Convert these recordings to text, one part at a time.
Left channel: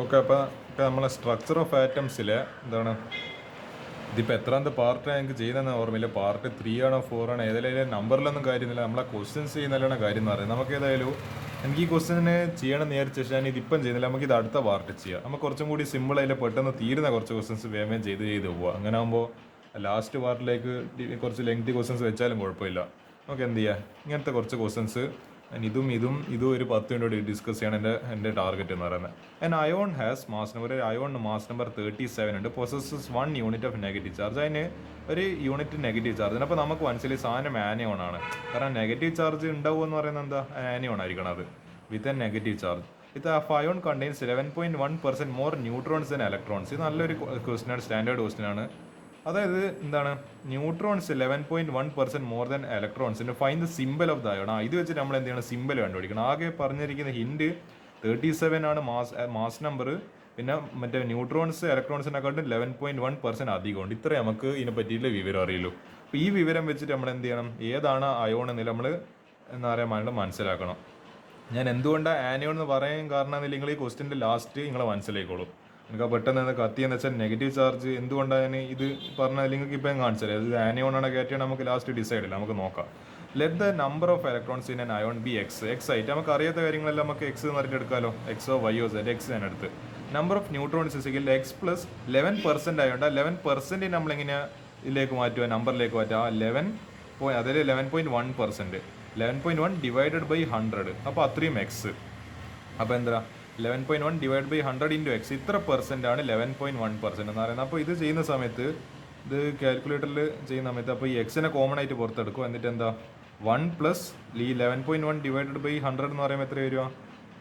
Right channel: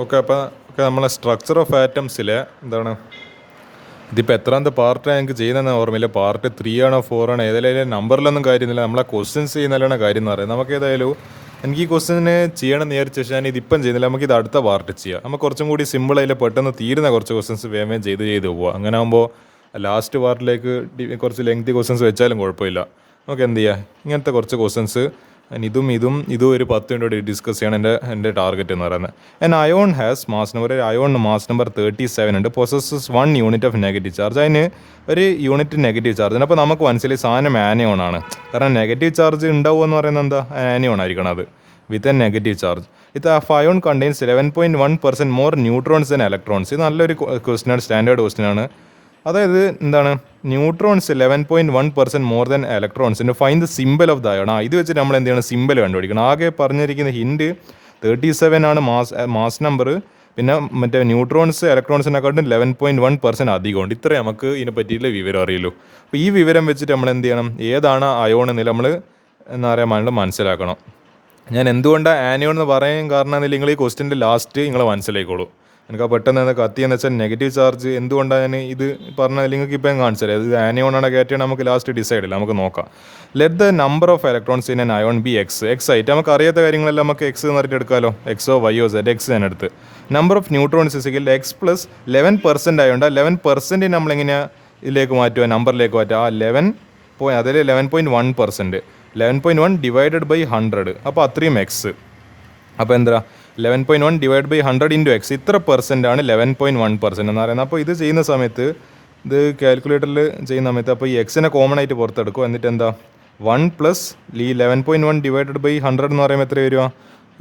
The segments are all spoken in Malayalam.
ഓക്കെ, അപ്പോൾ നമ്മളെ സ്ട്രക്ചർ ഓഫ് ആറ്റംസിലെ എന്താണ് ഇതിപ്പോൾ എത്രാമത്തെ പാർട്ടാണ് എനിക്ക് ചെയ്യുന്നതെന്ന് ഓർമ്മയില്ല. പാർട്ട് 3 ആണോ 4 ആണോ ഏതായാലും നമ്പറിലൊന്നും കാര്യമൊന്നുമില്ല. നമ്മളെ ക്വസ്റ്റ്യൻസ് ചെയ്യുന്നതിലാണ് കാര്യം എന്ന് പറയുന്നത്. നമുക്ക് ഏതായാലും എനിക്ക് ഈ ക്വസ്റ്റ്യന് ചെയ്യണം എന്ന് വിചാരിച്ച ശേഷം ഞാൻ ഇതിപ്പം ചെയ്യുന്നില്ല. നമുക്ക് ഇത് അടുത്ത പാർട്ട് ചെയ്യാം. നമുക്ക് കുറച്ചും കൂടി സിമ്പിൾ അതിൽ പെട്ടെന്ന് തീരുന്ന കുറച്ച് ക്വസ്റ്റ്യൻസ് വേഗം ചെയ്ത് പോവുക. അങ്ങനെ ആകുമ്പോൾ ലാസ്റ്റ് പാർട്ടിലേക്ക് കുറച്ച് ലെങ്തി ക്വസ്റ്റ്യൻസ് വെച്ചാലും കുഴപ്പമില്ല. നമുക്ക് എന്ത് ചെയ്യുക, ഇങ്ങനത്തെ കുറച്ച് ക്വസ്റ്റ്യൻസ് ഇതും ഒരു 10 മിനിറ്റ് ഡിസ്കസ് ചെയ്യണം എൻ്റെ ടാർഗറ്റ് എന്ന് പറയുന്നത്. And ion has mass number, ion mass number 37 ഉണ്ട്. പൊസസ്സസ് 1 യൂണിറ്റ് ഓഫ് നെഗറ്റീവ് ചാർജ്. അതിന് ഒരു യൂണിറ്റ് നെഗറ്റീവ് ചാർജ് ഉണ്ട്. അപ്പോൾ നമുക്ക് മനസ്സിലായി സാധനം ആനിയോൺ ആണ്. കാരണം നെഗറ്റീവ് ചാർജ് ഉണ്ടാവുക എന്ന് പറയുന്നത് എന്താ, ആനിയോൺ ആയിരിക്കണം അത് വിത്ത് എ നെഗറ്റീവ് ചാർജ്. ഇത് ion contains 11.1% more neutrons and electrons. ഇത് നല്ലൊരു ക്വസ്റ്റ്യനാണ്, സ്റ്റാൻഡേർഡ് ക്വസ്റ്റ്യനാണ്. അതായത് എന്താണ്, ന്യൂട്രോൺസ് 11.1% മോർ ദാൻ ഇലക്ട്രോൺസിന് find the symbol of the ion. ഇത് വെച്ചിട്ട് നമ്മൾ എന്ത് ചെയ്യണം, സിമ്പൽ കണ്ടുപിടിക്കണം. ആകെ പറഞ്ഞിരിക്കുന്ന ഹിൻഡ് 37 ആണ് മാസ് നമ്പർ. പിന്നെ മറ്റേ ന്യൂട്രോൺസ് ഇലക്ട്രോൺസിനെക്കാട്ടും 11.1% അധികമുണ്ട്. ഇത്രയും നമുക്ക് ഇതിനെ പറ്റിയിട്ടുള്ള വിവരം അറിയുള്ളൂ. അപ്പോൾ ഈ വിവരം വെച്ചിട്ട് നമ്മൾ എന്ത് ചെയ്യണം, ഏതാണ് അയോൺ എന്നില്ല നമ്മൾ എന്താ പറയുക മനസ്സിലാക്കണം. ഞാൻ എന്തുകൊണ്ടാണ് ആനിയോൺ എന്ന് പറയാൻ കാരണം എന്നില്ല, നിങ്ങൾ ഈ ക്വസ്റ്റ്യൻ്റെ ലാസ്റ്റ് നിങ്ങൾ മനസ്സിലായിക്കോളൂ. എനിക്ക് ആ പെട്ടെന്ന് കത്തിയെന്ന് വെച്ചാൽ നെഗറ്റീവ് ചാർജ് എന്തുകൊണ്ടാണ് ഞാൻ ഇത് പറഞ്ഞാൽ നിങ്ങൾക്ക് ഇപ്പം കാണിച്ചത് ഇത് ആനിയോണാണ് കയറ്റിയാണ് നമുക്ക് ലാസ്റ്റ് ഡിസൈഡ് ഇല്ല. നമുക്ക് നോക്കാം. Let the number of electrons in N ion B X ആയിട്ട് നമുക്ക് അറിയാത്ത കാര്യങ്ങളെല്ലാം നമുക്ക് എക്സ് എന്ന് പറഞ്ഞിട്ട് എടുക്കാമല്ലോ. എക്സോ വൈയോ സെഡ് എക്സ് തന്നെ എടുത്ത് number of neutrons is equal X plus 11% ആയതുകൊണ്ട് 11% നമ്മളെങ്ങനെയാണ് ഇതിലേക്ക് മാറ്റുക, നമ്പറിലേക്ക് മാറ്റുക. ആ 11.1%, 11.1 ഡിവൈഡഡ് ബൈ 100, അപ്പോൾ അത്രയും എക്സ്. അപ്പോൾ എന്താ 11.1 ഡിവൈഡ് ബൈ 100 ഇൻറ്റു എക്സ്, ഇത്ര പെർസെൻ്റ് ആണ് 11.1% എന്ന് പറയുന്നത്. അപ്പോൾ ഇത് ചെയ്യുന്ന സമയത്ത്, ഇത് കാൽക്കുലേറ്ററിൽ ചെയ്യുന്ന സമയത്ത്, അപ്പോൾ ഈ എക്സിനെ കോമൺ ആയിട്ട് പുറത്തെടുക്കും. എന്നിട്ട് എന്താ 1 പ്ലസ് ഈ 11.1 ഡിവൈഡഡ് ബൈ 100 എന്ന് പറയുമ്പോൾ എത്ര വരിക,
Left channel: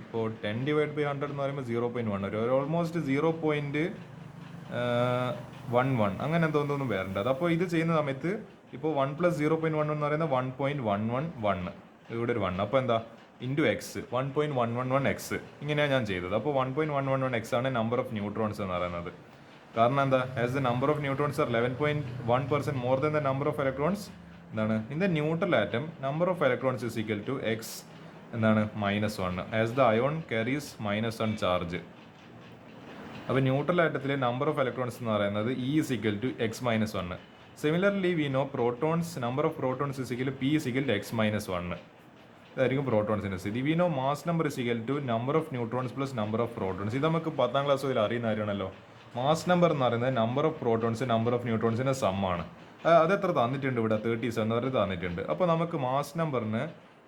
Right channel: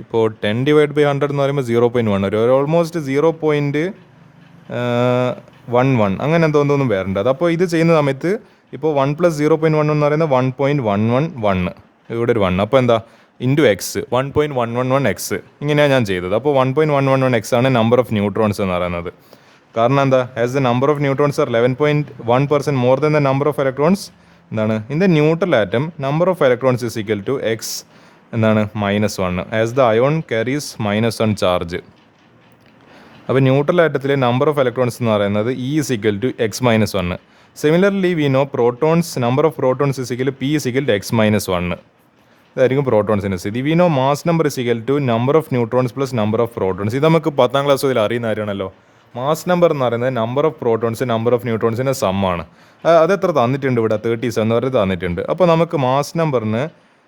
ഇപ്പോൾ 10 ഡിവൈഡ് ബൈ 100 എന്ന് പറയുമ്പോൾ 0.1 വരും. ഓൾമോസ്റ്റ് 0.11 അങ്ങനെ എന്തോന്നും വരേണ്ടത്. അപ്പോൾ ഇത് ചെയ്യുന്ന സമയത്ത് ഇപ്പോൾ 1 പ്ലസ് 0.1 എന്ന് പറയുന്നത് 1.111 ഇവിടെ ഒരു 1. അപ്പോൾ എന്താ ഇൻറ്റു എക്സ് 1.111 എക്സ്, ഇങ്ങനെയാണ് ഞാൻ ചെയ്തത്. അപ്പോൾ 1.111 എക്സ് ആണ് നമ്പർ ഓഫ് ന്യൂട്രോൺസ് എന്ന് പറയുന്നത്. കാരണം എന്താ, as the number of neutrons are 11.1% more than the number of electrons എന്താണ് in the neutral atom, number of electrons is equal to X എന്താണ് -1 as the ion carries -1 charge. അപ്പോൾ ന്യൂട്രൽ ആറ്റത്തിലെ നമ്പർ ഓഫ് ഇലക്ട്രോൺസ് എന്ന് പറയുന്നത് E is equal to x-1. Similarly we know protons, number of protons is equal to P is equal to x-1. ഇതായിരിക്കും പ്രോട്ടോൺസിൻ്റെ സ്ഥിതി. We know mass number is equal to number of neutrons plus number of protons. ഇത് നമുക്ക് 10ാം ക്ലാസ് മുതൽ അറിയുന്ന കാര്യമാണല്ലോ. മാസ് നമ്പർ എന്ന് പറയുന്നത് number of protons number of ന്യൂട്രോൺസിൻ്റെ സമ്മാണ്. അതെത്ര തന്നിട്ടുണ്ട് ഇവിടെ, 37 വരെ തന്നിട്ടുണ്ട്. അപ്പോൾ നമുക്ക് മാസ് നമ്പറിന്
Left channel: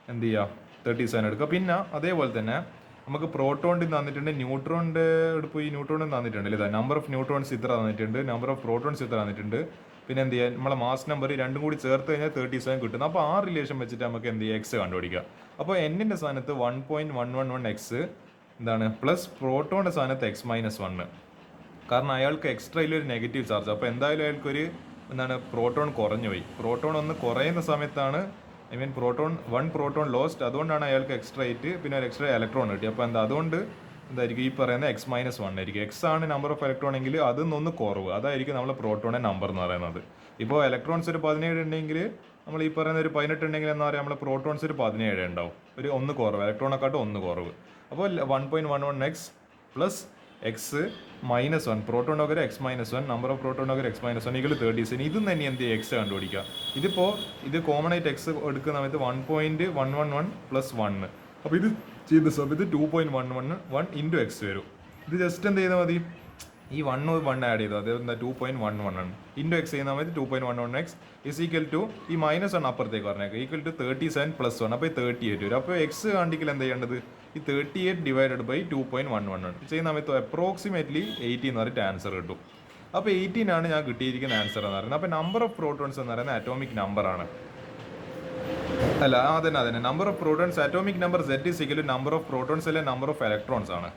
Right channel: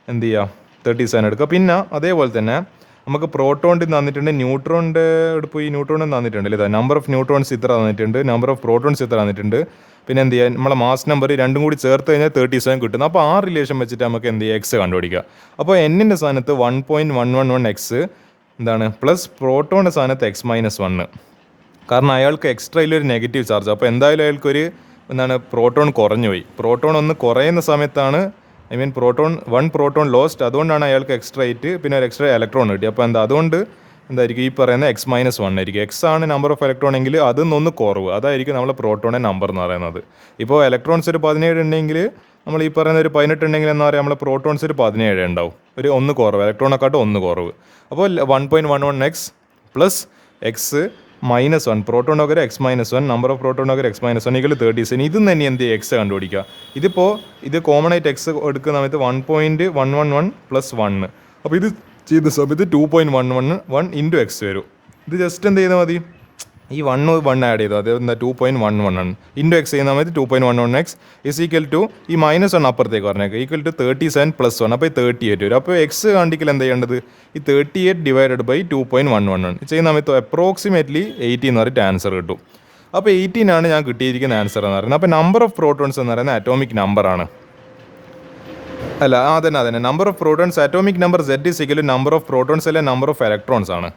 എന്ത് ചെയ്യുക, 37 എടുക്കുക. പിന്നെ അതേപോലെ തന്നെ നമുക്ക് പ്രോട്ടോണിൽ തന്നിട്ടുണ്ട്, ന്യൂട്രോണിൻ്റെ പോയി ന്യൂട്രോണിൽ തന്നിട്ടുണ്ട് അല്ലേ, നമ്പർ ഓഫ് ന്യൂട്രോൺസ് ഇത്ര തന്നിട്ടുണ്ട്, നമ്പർ ഓഫ് പ്രോട്ടോൺസ് ഇത്ര തന്നിട്ടുണ്ട്. പിന്നെ എന്ത് ചെയ്യുക, നമ്മളെ മാസ് നമ്പർ രണ്ടും കൂടി ചേർത്ത് കഴിഞ്ഞാൽ 37 കിട്ടുന്നു. അപ്പോൾ ആ റിലേഷൻ വെച്ചിട്ട് നമുക്ക് എന്ത് ചെയ്യുക, എക്സ് കണ്ടുപിടിക്കുക. അപ്പോൾ എന്നിൻ്റെ സ്ഥാനത്ത് 1.111 എക്സ് എന്താണ് പ്ലസ് പ്രോട്ടോണിൻ്റെ സ്ഥാനത്ത് x-1, കാരണം അയാൾക്ക് എക്സ്ട്രയിലൊരു നെഗറ്റീവ് ചാർജ്. അപ്പോൾ എന്തായാലും അയാൾക്കൊരു എന്താണ് പ്രോട്ടോൺ കുറഞ്ഞു പോയി. പ്രോട്ടോൺ ഒന്ന് കുറയുന്ന സമയത്താണ് വൺ പ്രോട്ടോൺ ലോസ്റ്റ്, അതുകൊണ്ടാണ് അയാൾക്ക് എക്സ്ട്രാ ആയിട്ട് പിന്നെ ഒരു എക്സ്ട്രാ ഇലക്ട്രോൺ കിട്ടി. അപ്പോൾ അതുകൊണ്ട് എന്തായിരിക്കും ഈ പറയുന്നത് x-1 ആയിരിക്കും. എക്സ് ആണ് നമ്പർ ഓഫ് ഇലക്ട്രോൺ എങ്കിൽ അതിൽ കുറവ്, അതായിരിക്കും നമ്മൾ പ്രോട്ടോണിൻ്റെ നമ്പർ എന്ന് പറയുന്നത്. ഇപ്പോൾ ഇലക്ട്രോൺസ് ഒരു 17 ഉണ്ടെങ്കിൽ നമ്മൾ ഈ പറയുന്ന ഒരു 18 ഉണ്ടെങ്കിൽ എന്താ പറയുക, നമ്മൾ പ്രോട്ടോൺസ് ഒരു 17 ഉണ്ടാവും, ഒരു 1 കുറവ്, ഇലക്ട്രോണെക്കാട്ടും 1 കുറവ്. അപ്പോൾ 1.11 എക്സ് പ്ലസ് x-1, പ്രോട്ടോണൊക്കെ x-1, നമ്പർ ഓഫ് പ്രോട്ടോണൊക്കെ x-1 ഈക്വൽ 37. ഇതും തന്നെ എന്ത് ചെയ്യുക, എക്സ് കണ്ടുപിടിക്കുക. ഇത് കോമൺ ആയിട്ട് എക്സ് എടുക്കുന്ന സമയത്ത് 1.111 പ്ലസ് 1. അപ്പോൾ ഇത് ചെയ്ത സമയത്ത് 2.111 ഇൻറ്റു എക്സ് വരും. ഇത് ജസ്റ്റ് എന്ത് ചെയ്താൽ മതി, ഈ 1 ആഡ് ചെയ്തു, അത് എന്താ 2.11 ഇൻറ്റു എക്സ് ചെയ്യുന്ന സമയത്ത് 2.11 എക്സ് ഇസ് ഈക്വൽ ടു ഈ -1 അപ്പുറത്തേക്ക് പറഞ്ഞേക്കാം, ഈക്വൽ ടു 37 പ്ലസ് 1, അപ്പോൾ ഈ 38 വരും. അപ്പോൾ എക്സ് കണ്ടിക്കൽ എന്താ ചെയ്യേണ്ടത്, ഈ 38 ഡിവൈഡഡ് ബൈ 2.111 ചെയ്യുന്ന സമയത്ത് അപ്രോക്സിമേറ്റ്ലി 18 എന്ന് പറഞ്ഞിട്ട് ആൻസർ കിട്ടും. അപ്പോൾ 18 ഞാൻ കിട്ടിയിരിക്കുന്ന ആൻസർ എന്ന് പറയുന്നത്. അപ്പോൾ നമ്പർ ഓഫ് പ്രോട്ടോൺസ് എന്ന് പറയുന്നത് അറ്റോമിക് നമ്പറാണ്. അല്ല അതന്നെ number of protons atomic number Z is equal to number of protons അല്ലെ നമ്പർ ഓഫ് ഇലക്ട്രോൺസ് ആണ്.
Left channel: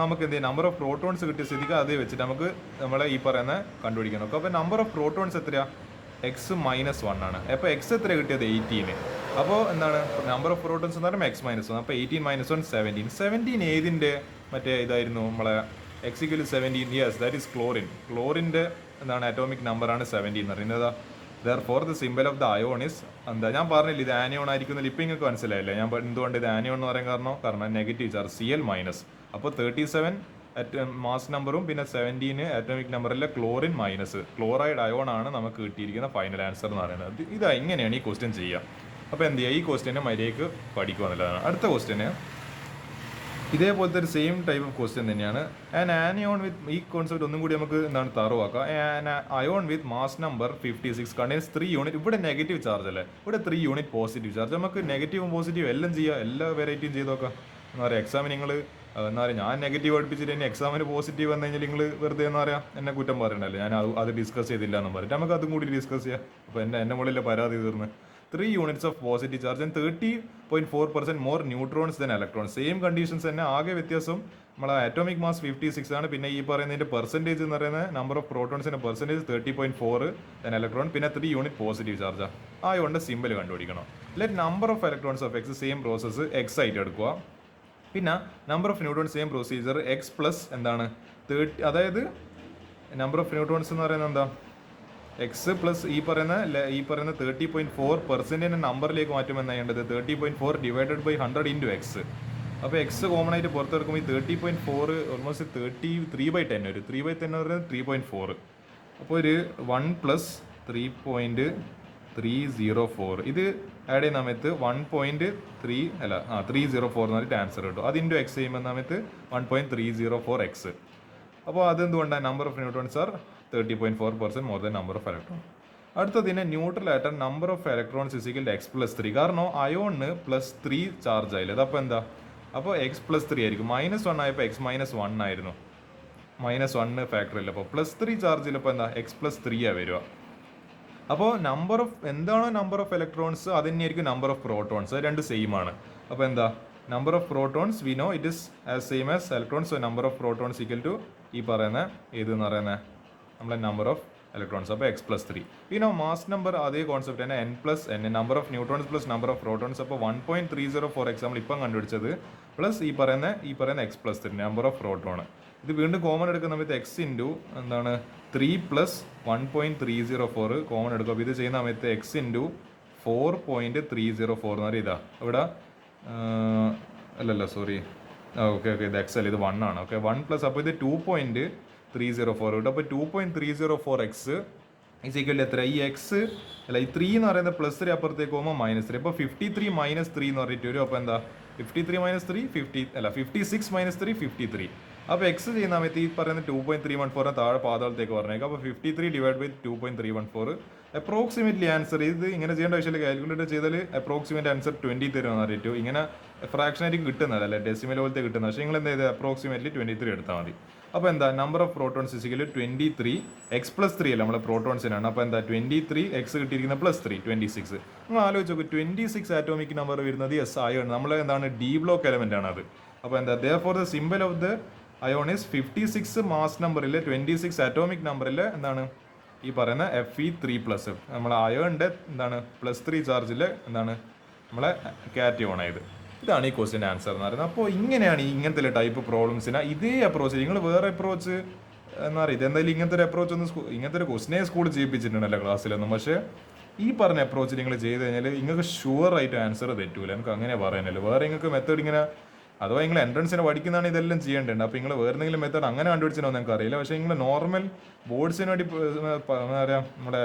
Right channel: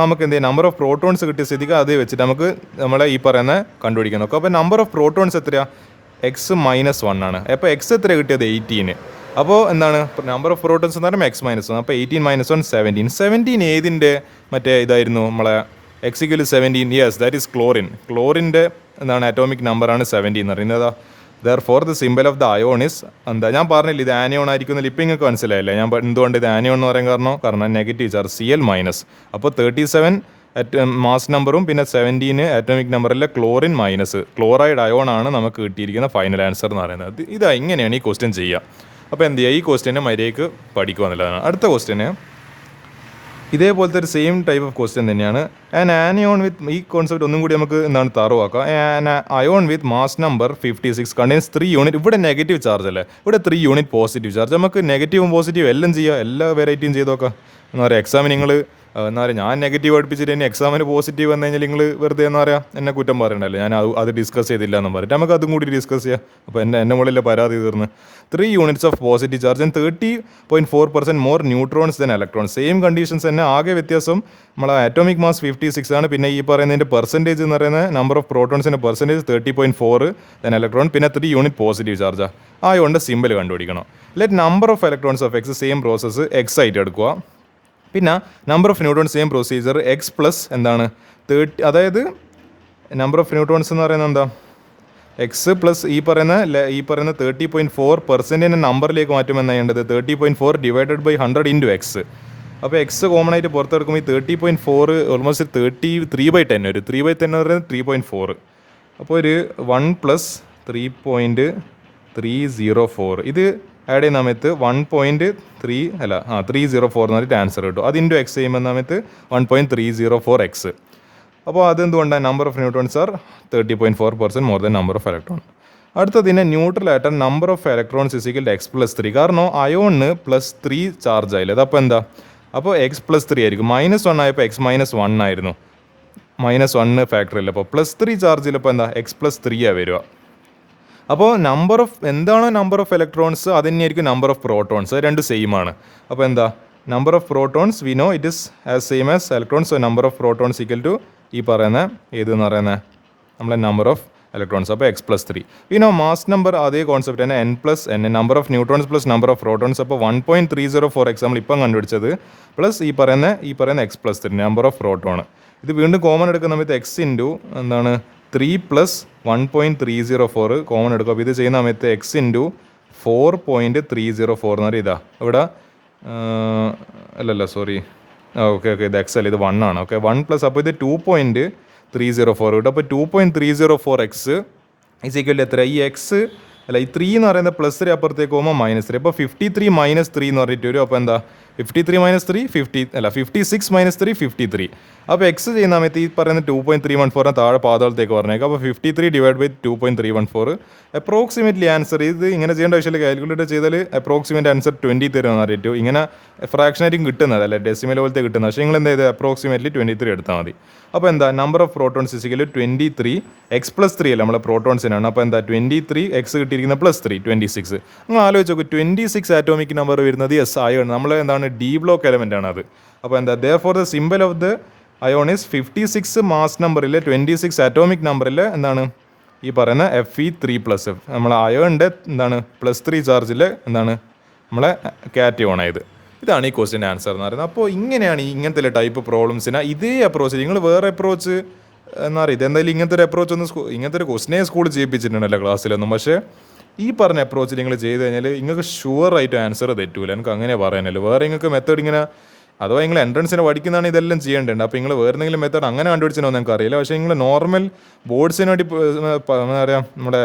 നമുക്ക് എന്ത് ചെയ്യാം, നമ്പർ ഓഫ് പ്രോട്ടോൺസ് കിട്ടിയ സ്ഥിതിക്ക് അത് വെച്ചിട്ട് നമുക്ക് നമ്മളെ ഈ പറയുന്ന കണ്ടുപിടിക്കാൻ നോക്കാം. അപ്പോൾ നമ്പർ ഓഫ് പ്രോട്ടോൺസ് എത്രയാണ്, x-1 ആണ്. അപ്പോൾ എക്സ് എത്ര കിട്ടിയത്, 18. അപ്പോൾ എന്താണ് നമ്പർ ഓഫ് പ്രോട്ടോൺസ് എന്ന് പറയുമ്പോൾ x-1, അപ്പോൾ 18 - 1 17 ഏതിൻ്റെ മറ്റേ ഇതായിരുന്നു നമ്മളെ x=17, യെസ് ദാറ്റ് ഈസ് ക്ലോറിൻ്റെ എന്താണ് അറ്റോമിക് നമ്പറാണ് 17 എന്ന് പറയുന്നത്. Therefore the symbol of the ion is എന്താ, ഞാൻ പറഞ്ഞില്ല ഇത് ആനിയോൺ ആയിരിക്കുന്നില്ല, ഇപ്പം നിങ്ങൾക്ക് മനസ്സിലായില്ലേ ഞാൻ എന്തുകൊണ്ട് ഇത് ആനിയോൺ എന്ന് പറയാൻ കാരണം നെഗറ്റീവ് ചാർജ് Cl-. അപ്പോൾ 37 മാസ് നമ്പറും പിന്നെ 17 ആറ്റോമിക് നമ്പറിലെ ക്ലോറിൻ മൈനസ് ക്ലോറൈഡ് അയോൺ ആണ് നമുക്ക് കിട്ടിയിരിക്കുന്ന ഫൈനൽ ആൻസർ എന്ന് പറയുന്നത്. ഇതാ ഇങ്ങനെയാണ് ഈ ക്വസ്റ്റ്യൻ ചെയ്യുക. അപ്പോൾ എന്ത് ചെയ്യുക, ഈ ക്വസ്റ്റ്യനെ മര്യാദയ്ക്ക് പഠിക്കുക എന്നുള്ളതാണ്. അടുത്ത ക്വസ്റ്റ്യന് ഇതേപോലത്തെ ഒരു സെയിം ടൈപ്പ് ഓഫ് ക്വസ്റ്റ്യൻ തന്നെയാണ്. ആൻഡ് ആനിയോൺ വിത്ത്, ഈ കോൺസെപ്റ്റ് ഒന്നും കൂടി നമുക്ക് എന്താണ് തറവാക്കാം. And ion with mass number 56 contains 3 unit. ഇവിടെ നെഗറ്റീവ് ചാർജ് അല്ലേ, ഇവിടെ 3 യൂണിറ്റ് പോസിറ്റീവ് ചാർജ്. നമുക്ക് നെഗറ്റീവും പോസിറ്റീവും എല്ലാം ചെയ്യുക, എല്ലാ വെറൈറ്റിയും ചെയ്ത് നോക്കാം. എന്താ പറയുക, എക്സാമിന് നിങ്ങൾ എന്താ പറയുക, ഞാൻ നെഗറ്റീവ് പഠിപ്പിച്ചിട്ട് ഇനി എക്സാമിന് പോസിറ്റീവ് വന്നു കഴിഞ്ഞാൽ നിങ്ങൾ വെറുതെ എന്താ പറയുക എന്നെ കുറ്റം പറയണ്ടല്ലോ, ഞാൻ അത് ഡിസ്കസ് ചെയ്തില്ല എന്ന് പറഞ്ഞിട്ട് നമുക്ക് അതും കൂടി ഡിസ്കസ് ചെയ്യാം. അപ്പോൾ എൻ്റെ മുകളിലെ പരാതി തീർന്ന്. 3 units of positive charge and 30.4% more neutrons than electrons. Same conditions തന്നെ, ആകെ വ്യത്യാസം നമ്മളെ ആറ്റോമിക് മാസ് 56 ആണ്. പിന്നെ ഈ പറയുന്നതിൻ്റെ പെർസെൻറ്റേജ് എന്ന് പറയുന്നത് നമ്പർ ഓഫ് പ്രോട്ടോൺസിൻ്റെ പെർസെൻറ്റേജ് 30.4 ദൻ ഇലക്ട്രോൺ, പിന്നെ 3 യൂണിറ്റ് പോസിറ്റീവ് ചാർജാണ്. ആയതുകൊണ്ട് സിമ്പിൾ കണ്ടുപിടിക്കണം. Let number of electrons of X, same process X ആയിട്ട് എടുക്കുക. പിന്നെ number of neutrons same procedure X plus എന്താണ് 30, അതായത് നമ്പർ ഓഫ് ന്യൂട്രോൺസ് എന്ന് പറയുന്നത് എന്താ എക്സ് പ്ലസ് ഈ പറയുന്ന 30.4% നമ്പറിലേക്ക് മാറ്റുമെന്നാണ് ചെയ്യേണ്ടത്. 30.4 ഡിവൈഡഡ് ബൈ 100 ഇൻറ്റു എക്സ്. അപ്പോൾ എക്സ് കോമൺ ആയിട്ട് പുറത്തെടുക്കുമ്പോൾ ഈ 30.4 ഓൾമോസ്റ്റ് 33/10 ഒരു 3/10 എന്ന് പറയുന്നത് 3.4. അപ്പോൾ ഒരു 1 + 3.304 ഇത് ആഡ് ചെയ്യുന്ന സമയത്ത് 304 എന്ന് പറഞ്ഞിട്ട് ആൻസർ കിട്ടും. അത് ഇൻറ്റു എക്സ് ചെയ്യുമ്പോൾ സമയത്ത് 1.304x. അപ്പോൾ അതെന്തുകൊണ്ടാണ് number of neutrons are 30.4% more than number of electron. അടുത്തതിനെ ന്യൂട്രൽ ആയിട്ട് number of electrons is equal X plus 3. കാരണം അയോണിന് +3 ചാർജ് ആയില്ല. അതപ്പോൾ എന്താ, അപ്പോൾ എക്സ് +3 ആയിരിക്കും. -1 ആയപ്പോൾ എക്സ് -1 ആയിരുന്നു. -1 ഫാക്ടറില്ല. അപ്പോൾ +3 ചാർജിലപ്പോൾ എന്താ എക്സ് +3 വരിക. അപ്പോൾ നമ്പർ ഓഫ് എന്താണോ നമ്പർ ഓഫ് ഇലക്ട്രോൺസ് അത് തന്നെയായിരിക്കും നമ്പർ ഓഫ് പ്രോട്ടോൺസ്, രണ്ട് സെയിം ആണ്. അപ്പോൾ എന്താ number of protons we know it is as same as electrons. So number of protons equal to ഈ പറയുന്ന ഏതെന്ന് പറയുന്നത് നമ്മളെ നമ്പർ ഓഫ് ഇലക്ട്രോൺസ്. അപ്പോൾ X +3. We know mass number അതേ കോൺസെപ്റ്റ് തന്നെ n+n, number of neutrons plus number of protons. അപ്പോൾ 1.304x നമ്മൾ ഇപ്പം കണ്ടുപിടിച്ചത് പ്ലസ് ഈ പറയുന്ന എക്സ് +3 നമ്പർ ഓഫ് പ്രോട്ടോൺ. ഇത് വീണ്ടും കോമൺ എടുക്കുന്ന സമയത്ത് എക്സ് ഇൻറ്റു എന്താണ് 3 + 1.304 കോമൺ എടുക്കും. അപ്പോൾ ഇത് ചെയ്യുന്ന സമയത്ത് എക്സ് ഇൻറ്റു 4.304 എന്ന് പറയുക. ഇതാ ഇവിടെ അല്ലല്ല സോറി, ഓക്കെ ഇത് എക്സ് അല്ല, ഇത് 1 ആണ്. ഓക്കെ 1 +, അപ്പോൾ ഇത് 2.304 കിട്ടും. അപ്പോൾ 2.304x ഈസ് ഈക്വൽ എത്ര, ഈ എക്സ് അല്ല ഈ 3 എന്ന് പറയുന്നത് +3 അപ്പുറത്തേക്ക് പോകുമ്പോൾ -3. അപ്പോൾ 53 - 3 എന്ന് പറഞ്ഞിട്ട് വരും. അപ്പോൾ എന്താ 53 - 3 56 - 3 53. അപ്പോൾ എക്സ് ചെയ്യുന്ന സമയത്ത് ഈ പറയുന്ന 2.314 താഴെ പാതാളത്തേക്ക് പറഞ്ഞേക്കാം. അപ്പോൾ 53 ഡിവൈഡ് ബൈ 2.314 അപ്രോക്സിമേറ്റ്ലി ആൻസർ. ഇത് ഇങ്ങനെ ചെയ്യേണ്ട ആവശ്യമില്ല, കാൽക്കുലേറ്റ് ചെയ്താൽ അപ്രോക്സിമേറ്റ് ആൻസർ 20 തരുമെന്ന് അറിയിട്ടു. ഇങ്ങനെ ഫ്രാക്ഷനായിട്ടും കിട്ടുന്നത് അല്ലേ, ഡെസിമൽ പോലത്തെ കിട്ടുന്നത്. പക്ഷേ നിങ്ങൾ എന്താ ചെയ്ത് അപ്രോക്സിമേറ്റ്ലി 23 എടുത്താൽ മതി. അപ്പോൾ എന്താ number of protons is equal 23 X +3 അല്ല നമ്മളെ പ്രോട്ടോൺസിനാണ്. അപ്പോൾ എന്താ 23 എക്സ് കിട്ടിയിരിക്കുന്ന +3 26. നിങ്ങൾ ആലോചിച്ച് നോക്കും 26 ആറ്റോമിക് നമ്പർ വരുന്നത് എസ് അയോൺ, നമ്മൾ എന്താണ് ഡി ബ്ലോക്ക് എലമെൻ്റ് ആണ് അത്. അപ്പോൾ എന്താ therefore the symbol of the ion is 56 mass നമ്പറിൽ 26 ആറ്റോമിക് നമ്പറിൽ എന്താണ് ഈ പറയുന്ന Fe3+. നമ്മളെ അയോണിൻ്റെ എന്താണ് +3 ചാർജിൽ എന്താണ് നമ്മളെ കാറ്റയോൺ ആയത്. ഇതാണ് ഈ ക്വസ്റ്റ്യൻ ആൻസർ എന്ന് പറയുന്നത്. അപ്പോൾ ഇങ്ങനെയാണ് ഇങ്ങനത്തെ ടൈപ്പ് പ്രോബ്ലംസിന് ഇതേ അപ്രോച്ച്. നിങ്ങൾ വേറെ അപ്രോച്ച് എന്താ പറയുക, ഇതെന്തായാലും ഇങ്ങനത്തെ ഒരു അപ്രോച്ച് ഒന്നും ഇങ്ങനത്തെ ഒരു ക്വസ്റ്റിനെ സ്കൂളിൽ ചെയ്യിപ്പിച്ചിട്ടുണ്ടല്ലോ ക്ലാസ്സിലൊന്നും. പക്ഷേ ഈ പറഞ്ഞ അപ്രോച്ച് നിങ്ങൾ ചെയ്ത് കഴിഞ്ഞാൽ നിങ്ങൾക്ക് ഷുവറായിട്ട് ആൻസർ തെറ്റൂല. എനിക്ക് അങ്ങനെ പറയാനല്ലോ. വേറെ നിങ്ങൾക്ക് മെത്തേഡ് ഇങ്ങനെ അഥവാ നിങ്ങൾ എൻട്രൻസിന് പഠിക്കുന്നതാണ് ഇതെല്ലാം ചെയ്യേണ്ടത്. അപ്പോൾ നിങ്ങൾ വേറെ എന്തെങ്കിലും മെത്തേഡ് അങ്ങനെ കണ്ടുപിടിച്ചോ നിങ്ങൾക്ക് അറിയില്ല. പക്ഷേ നിങ്ങൾ നോർമൽ ബോർഡ്സിന് വേണ്ടി എന്താ പറയുക നമ്മുടെ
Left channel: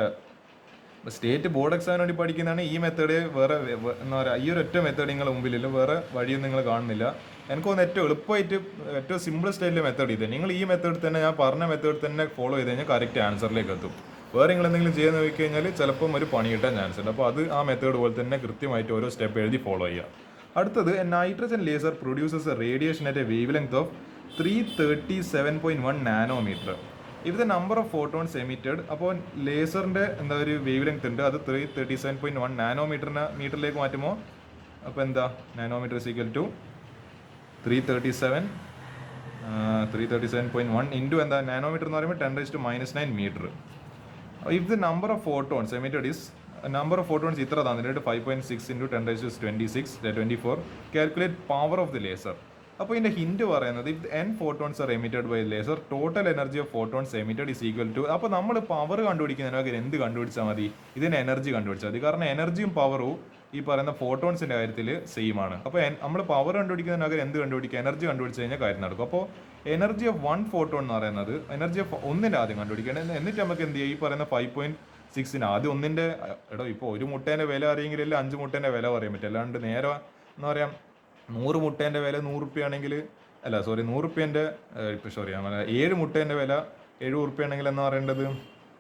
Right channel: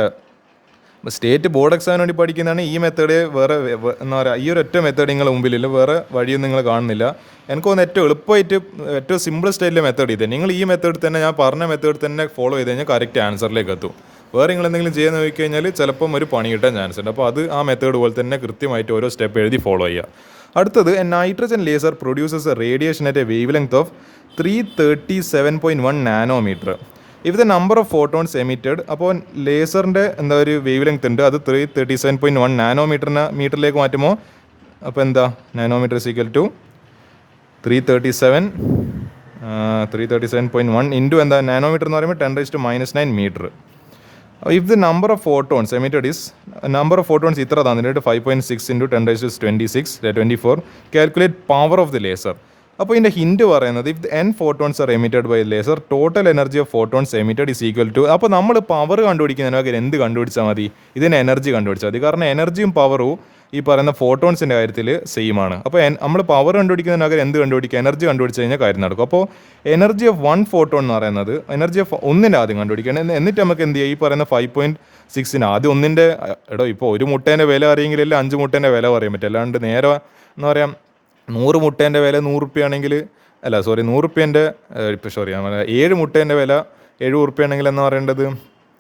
സ്റ്റേറ്റ് ബോർഡ് എക്സാമിന് വേണ്ടി പഠിക്കുന്നതാണ് ഈ മെത്തേഡ്. വേറെ എന്താ പറയുക ഈ ഒരു ഒറ്റ മെത്തേഡ് നിങ്ങളുടെ മുമ്പിലില്ല, വേറെ വഴിയൊന്നും നിങ്ങൾ കാണുന്നില്ല. എനിക്ക് തോന്നുന്നു ഏറ്റവും എളുപ്പമായിട്ട് ഏറ്റവും സിമ്പിളസ്റ്റ് ആയിട്ടുള്ള മെത്തേഡ് ഇത്. നിങ്ങൾ ഈ മെത്തേഡ് തന്നെ ഞാൻ പറഞ്ഞ മെത്തേഡ് തന്നെ ഫോളോ ചെയ്ത് കഴിഞ്ഞാൽ കറക്റ്റ് ആൻസറിലേക്ക് എത്തും. വേറെ നിങ്ങൾ എന്തെങ്കിലും ചെയ്യാൻ നോക്കി കഴിഞ്ഞാൽ ചിലപ്പം ഒരു പണി കിട്ടാൻ ചാൻസ് ഉണ്ട്. അപ്പോൾ അത് ആ മെത്തേഡ് പോലെ തന്നെ കൃത്യമായിട്ട് ഓരോ സ്റ്റെപ്പ് എഴുതി ഫോളോ ചെയ്യുക. അടുത്തത് nitrogen laser produces a radiation at a wavelength of 337.1 nanometre. If the number of photons emitted. അപ്പോൾ ലേസറിൻ്റെ എന്താ ഒരു വേവ് ലെങ്ത് ഉണ്ട്, അത് 337.1 മീറ്ററിലേക്ക് മാറ്റുമ്പോൾ അപ്പോൾ എന്താ nanometre is equal to 337.1 into എന്താ നാനോമീറ്റർ എന്ന് പറയുമ്പോൾ 10⁻⁹ metre. If the number of photons emitted is number of photons ഇത്ര തന്നിട്ട് 5.6 into 10⁻24 calculate power of the laser. അപ്പോൾ ഇതിൻ്റെ ഹിൻറ്റ് പറയുന്നത് if n photons are emitted by laser total energy of photons emitted is equal to. അപ്പോൾ നമ്മൾ പവർ കണ്ടുപിടിക്കുന്നതിന് പകരം എന്ത് കണ്ടുപിടിച്ചാൽ മതി, ഇതിന് എനർജി കണ്ടുപിടിച്ചാൽ മതി. കാരണം എനർജിയും പവറും ഈ പറയുന്ന ഫോട്ടോൺസിൻ്റെ കാര്യത്തിൽ സെയിം ആണ്. അപ്പോൾ നമ്മൾ പവർ കണ്ടുപിടിക്കുന്നതിനകത്ത് എന്ത് കണ്ടുപിടിക്കുക, എനർജി കണ്ടുപിടിച്ച് കഴിഞ്ഞാൽ കാര്യം നടക്കും. അപ്പോൾ എനർജി ഓഫ് 1 ഫോട്ടോൺ എന്ന് പറയുന്നത് എനർജി ഓഫ് ഒന്നിൻ്റെ ആദ്യം കണ്ടുപിടിക്കണം. എന്നിട്ട് നമുക്ക് എന്ത് ചെയ്യുക, ഈ പറയുന്ന 5.6 ആദ്യം ഒന്നിൻ്റെ ഇപ്പോൾ ഒരു മുട്ടേൻ്റെ വില അറിയെങ്കിലല്ലേ 5 മുട്ടേൻ്റെ വില പറയാൻ പറ്റും. അല്ലാണ്ട് നേരെ എന്ന് പറയാം 100 മുട്ടേൻ്റെ വില 100 റുപ്യ ആണെങ്കിൽ 100 റുപ്യേൻ്റെ 7 മുട്ടേൻ്റെ വില 70 റുപ്യ ആണെങ്കിൽ എന്ന് പറയേണ്ടത്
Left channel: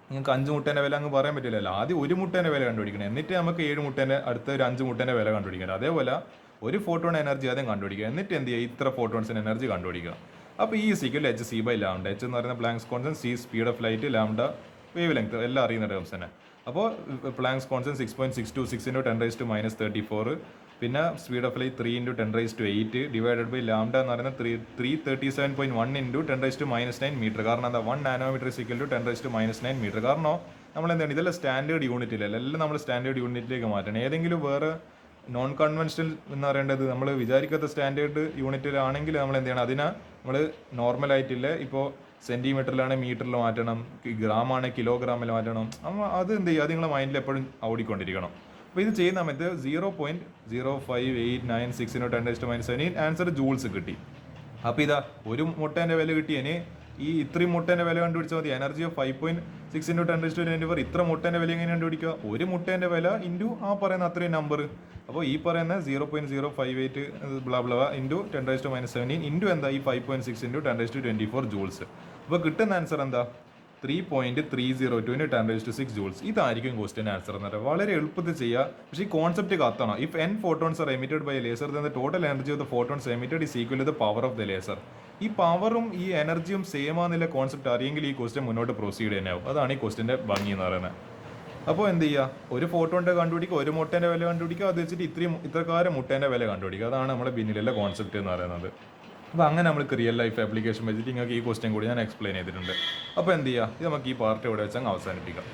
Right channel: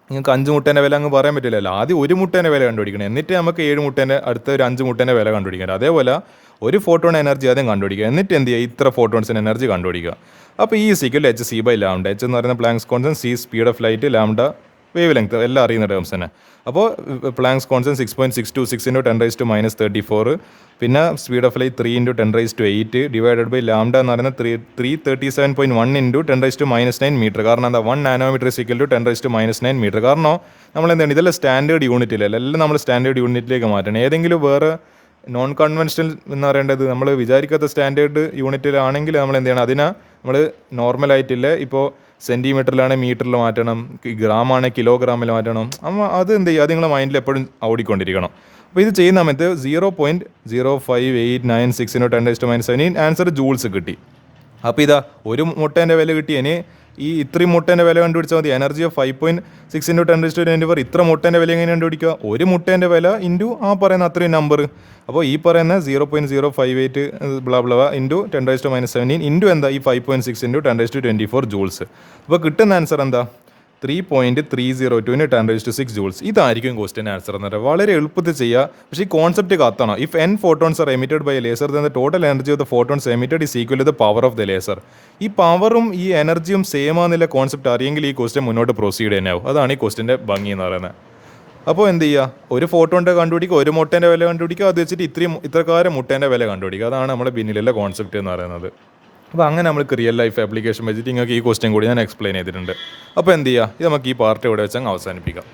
നിങ്ങൾക്ക് 5 മുട്ടേൻ്റെ വില അങ്ങ് പറയാൻ പറ്റില്ലല്ലോ. ആദ്യം ഒരു മുട്ടേൻ്റെ വില കണ്ടുപിടിക്കണം, എന്നിട്ട് നമുക്ക് 7 മുട്ടേൻ്റെ അടുത്ത ഒരു 5 മുട്ടേൻ്റെ വില കണ്ടുപിടിക്കണം. അതേപോലെ ഒരു ഫോട്ടോൺ എനർജി ആദ്യം കണ്ടുപിടിക്കുക, എന്നിട്ട് എന്ത് ചെയ്യുക, ഇത്ര ഫോട്ടോൺസിന് എനർജി കണ്ടുപിടിക്കുക. അപ്പോൾ ഈ സീക്വൽ h(c/λ). h എന്ന് പറയുന്ന planks constant, c speed of light, lambda wave length, എല്ലാം അറിയുന്ന ടേംസ് തന്നെ. അപ്പോൾ പ്ലാങ്ക്സ് കോൺസ്റ്റന്റ് 6.626 × 10⁻34, പിന്നെ speed of light 3 × 10⁸ divided by lambda എന്ന് പറയുന്നത് 337.1 × 10⁻9 മീറ്റർ. കാരണം എന്താ, 1 നാനോമീറ്റർ = 10⁻9 മീറ്റർ. കാരണം നമ്മൾ എന്താണ്, ഇതെല്ലാം സ്റ്റാൻഡേർഡ് യൂണിറ്റിലല്ല, എല്ലാം നമ്മൾ സ്റ്റാൻഡേർഡ് യൂണിറ്റിലേക്ക് മാറ്റണം. ഏതെങ്കിലും വേറെ നോൺ കൺവെൻഷണൽ എന്ന് പറയേണ്ടത് നമ്മൾ വിചാരിക്കാത്ത സ്റ്റാൻഡേർഡ് യൂണിറ്റിലാണെങ്കിൽ നമ്മൾ എന്ത് ചെയ്യണം, അതിനെ നമ്മൾ നോർമലായിട്ടില്ല, ഇപ്പോൾ സെൻറ്റിമീറ്ററിലാണെങ്കിൽ മീറ്ററിൽ മാറ്റണം, ഗ്രാമാണ് കിലോഗ്രാമിൽ മാറ്റണം. അപ്പോൾ അത് എന്ത് ചെയ്യുക, അത് നിങ്ങളുടെ മൈൻഡിൽ എപ്പോഴും ഓടിക്കൊണ്ടിരിക്കണം. അപ്പോൾ ഇത് ചെയ്യുന്ന സമയത്ത് 0.05896 × 10⁻17 ആൻസർ ജൂൾസ് കിട്ടി. അപ്പോൾ ഇതാ ഒരു മുട്ടേൻ്റെ വില കിട്ടി. ഇനി ഈ ഇത്രയും മുട്ടേൻ്റെ വില കണ്ടുപിടിച്ചാൽ മതി. എനർജി ഓഫ് 5.6 × 10⁻24, ഇത്ര മുട്ടേൻ്റെ വില എങ്ങനെ കണ്ടുപിടിക്കുക, ഒരു മുട്ടേൻ്റെ വില ഇൻറ്റു ആ പറയുന്ന അത്രയും നമ്പർ. അപ്പോൾ ഈ പറയുന്ന 0.058 ബ്ലാ ബ്ലാ ഇൻറ്റു 10⁻17 ഇൻറ്റു എന്താ, ഈ 5.6 × 10⁻24 ജൂൾസ്. അപ്പോൾ കിട്ടുന്ന ആൻസർ എന്താ, 3.302 × 10⁻6 ജൂൾസ്. ഇതായിരിക്കും ക്വസ്റ്റ്യൻ ആൻസർ എന്ന് പറയുന്നത്. വളരെ എളുപ്പത്തിൽ ചെയ്യുക, പക്ഷേ ഈ കോൺസെപ്റ്റ് കത്തണം. If n photons are emitted by a laser, then the total energy of the photons emitted is equal to the power of the laser. ഈ പവറും ഈ എനർജിയും സെയിം ആണെന്നുള്ള കോൺസെപ്റ്റ് അറിയെങ്കിൽ ഈ ക്വസ്റ്റ്യൻ മുന്നോട്ട് പ്രൊസീഡ് തന്നെയാവും. അതാണ് ഈ ക്വസ്റ്റ്യൻ്റെ ഭംഗി എന്ന് പറയുന്നത്. അപ്പോൾ എന്ത് ചെയ്യുക, ഒരു ഫോട്ടോൻ്റെ കണ്ടുപിടിക്കുക, ഒരു മുട്ടേൻ്റെ വില കണ്ടുപിടിക്കുക, അത് വെച്ചിട്ട് ഇത്രക്കാരം മുട്ടേൻ്റെ വില കണ്ടുപിടിക്കുക. അതാണ് നമ്മുടെ പിന്നിലുള്ള കോൺസെപ്റ്റ് എന്ന് പറയുന്നത്. അപ്പോൾ അങ്ങനെ നമുക്ക് റിയൽ ലൈഫ് ആപ്ലിക്കേഷൻ വെച്ചിട്ട് നിങ്ങൾക്ക് ഈ ക്വസ്റ്റ്യൻ കൂടി ഞാൻ എക്സ്പ്ലെയിൻ ചെയ്തിട്ടുണ്ട്. അപ്പോൾ എന്ത് ചെയ്യുക, ഇത് നമുക്ക് ഈ പാർട്ട് ഇവിടെ വെച്ച് അങ്ങ് അവസാനിപ്പിക്കാം.